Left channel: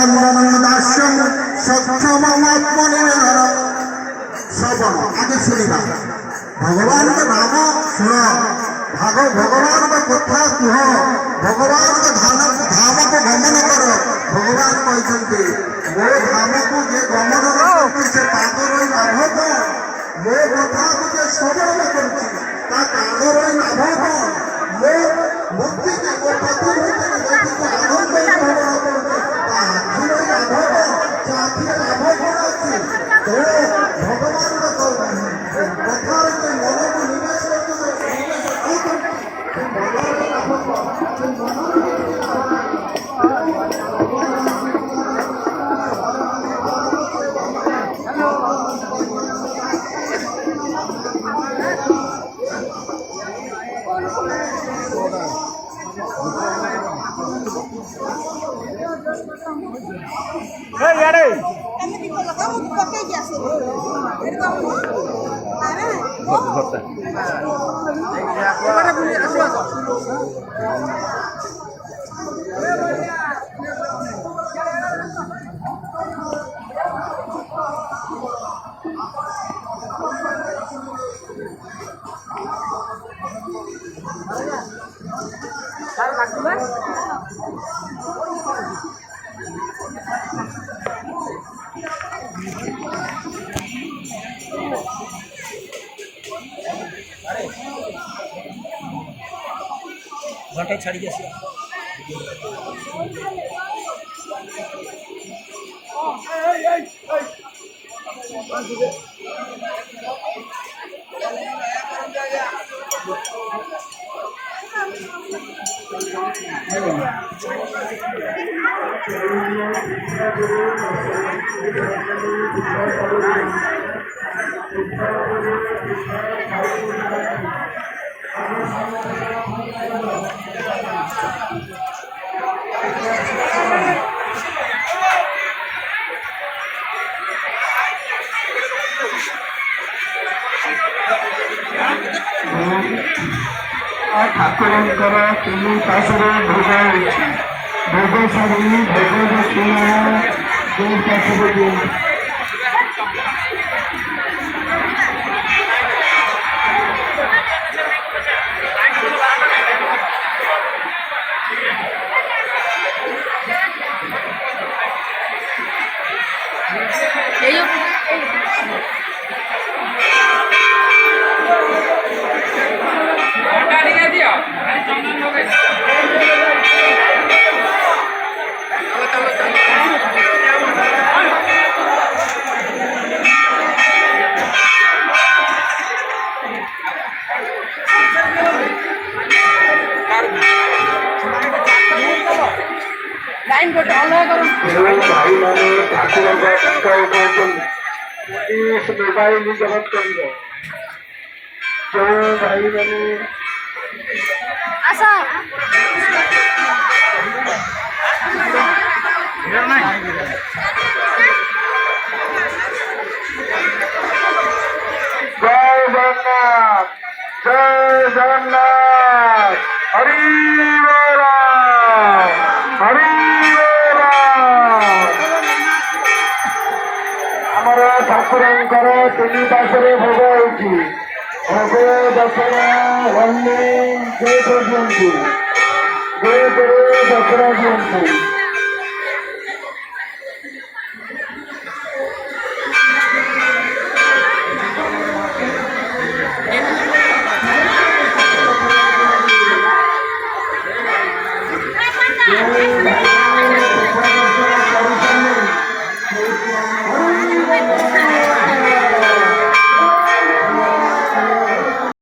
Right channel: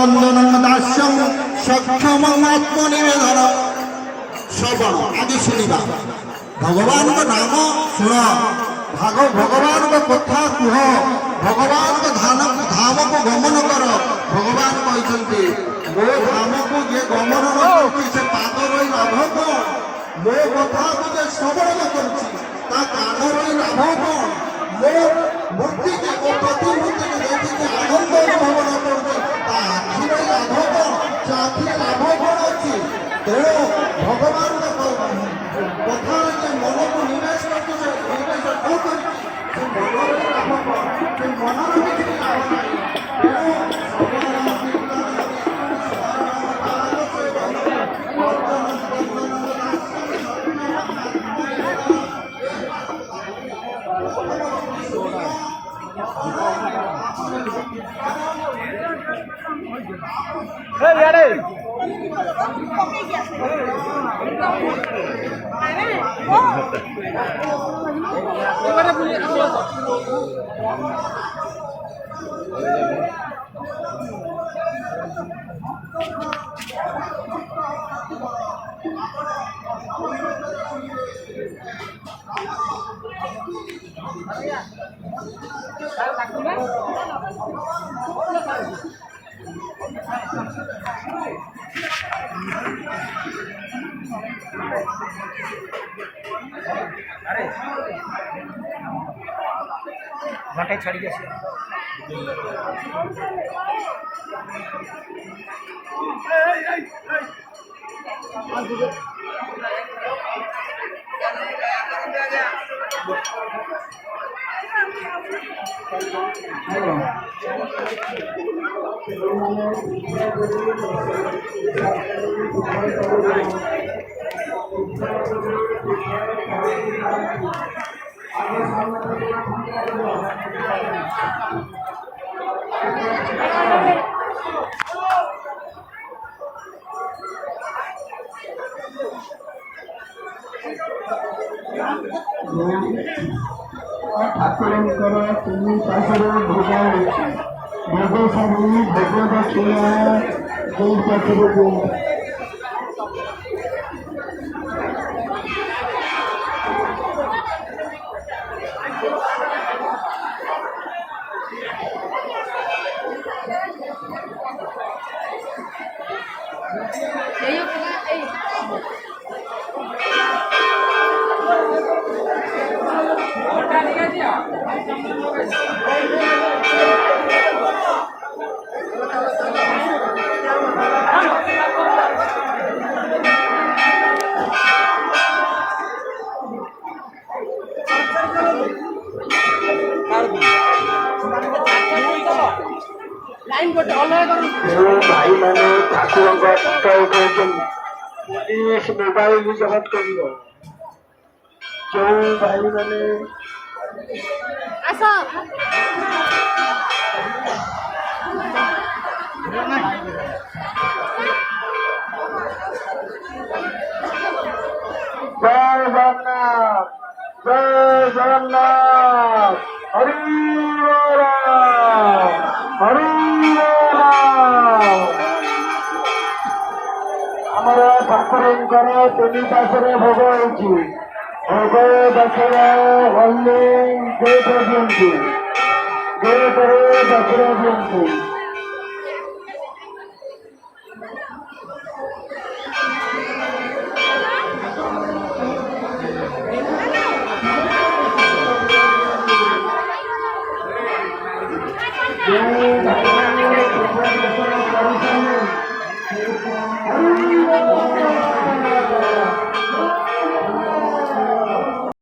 ବନ୍ଦନ ଦାସ୍ୟମ ସକ୍ଷମ ଆତ୍ମନିବେଦନ ଶ୍ରବଣ ଆଗେ ଶୁଣିବା ଭଗବାନଙ୍କ ନାମ ଶୁଣ ଭଗବାନଙ୍କ କଥା କୁହ ଭଗବାନଙ୍କ ଧାମକୁ ଗମନ କର ଭଗବାନ କହିଛନ୍ତି ମୋ ଧାମକୁ ଯିଏ ଗମନ ନ କରୁଛି ସେ ପାଦ ରହି ଲାଭ କଣ ମୋ କଥାକୁ ଯିଏ ଶ୍ରବଣ କରୁଛି ତା କାନ ରହି ଲାଭ କଣ ମୋ ମୂର୍ତ୍ତିକୁ ମୋ ପ୍ରତିମୂର୍ତ୍ତିକୁ ଦେଖିକି ଆନନ୍ଦ ଅନୁଭବ ନ କରୁଛି ତା ଆଖି ରହି ଲାଭ କଣ ସେ ଆଖିରେ ଲାଭ କଣ ଅଛି ତେଣୁ ଭଗବାନଙ୍କ କଥାରେ ଯେ ମନକୁ ନିବେଶ କରୁଛି ସେ ନିବେଶ କରୁଛି ସେ ମନରେ ଲାଭ କଣ ସେ ମନର କିଛି ଲାଭ ନାହିଁ ତେଣୁ ঘন্টায় ছাড়ি গেছে ଠାକୁରଙ୍କର ତିନି ପାଶରେ ଭୋଗ ହେଉଛି ଭୋଗ ସାରି ଭୋଗ ଦକ୍ଷିଣା ଦୁଇ ପାଶରେ ଦିଅ ଭାଇମାନେ ଠାକୁରଙ୍କ ଟଙ୍କା ଉଠାଉଛନ୍ତି ପୋଲିସ ମୋବାଇଲ ଜବତ କରିବ ଯେଉଁ ଭାଇମାନେ ଜୟ ଜଗନ୍ନାଥ ହରି ହରି ଆମର ଠାକୁରଙ୍କର ତିନି ପାଶରେ ଭୋଗ ହେଉଛି ଭୋଗ ଦଶରା ହଣ୍ଡି ଗେଟରେ ଦିଅନ୍ତୁ ଗେଟରେ ଦଶରା ଦିଅନ୍ତୁ Thank you.